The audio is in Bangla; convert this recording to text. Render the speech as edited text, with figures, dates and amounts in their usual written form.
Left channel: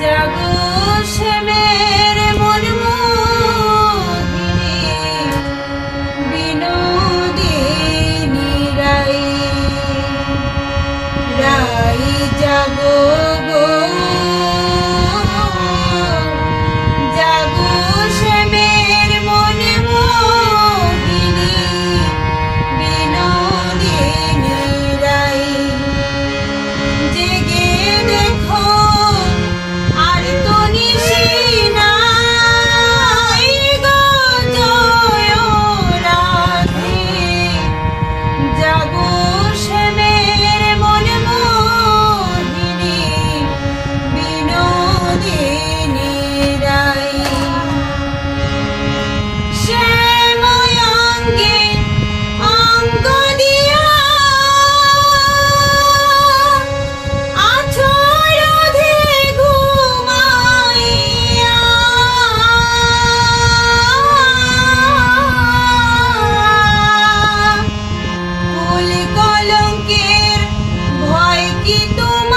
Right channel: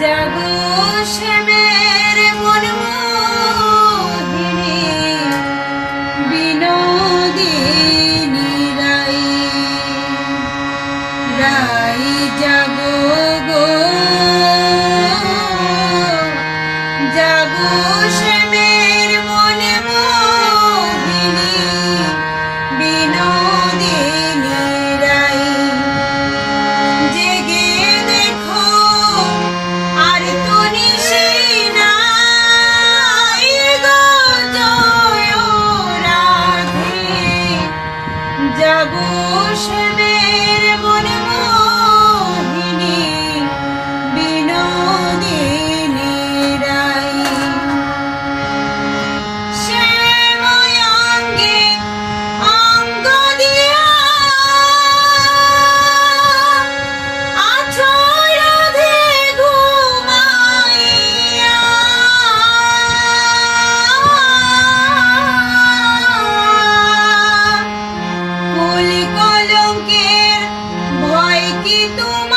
জাগো শ্যামের মন মোহিনী বিনোদিনী রাই রাই জাগো গো জাগো শ্যামের মন মোহিনী বিনোদিনী রাই জেগে দেখো আর তো নিশি নাই গো জয় রাধে জাগো শ্যামের মন মোহিনী বিনোদিনী রাই শ্যাময়াঙ্গে অঙ্গ দিয়া আছো রাধে ঘুমাইয়া কুল কলঙ্কের ভয় কি তুমি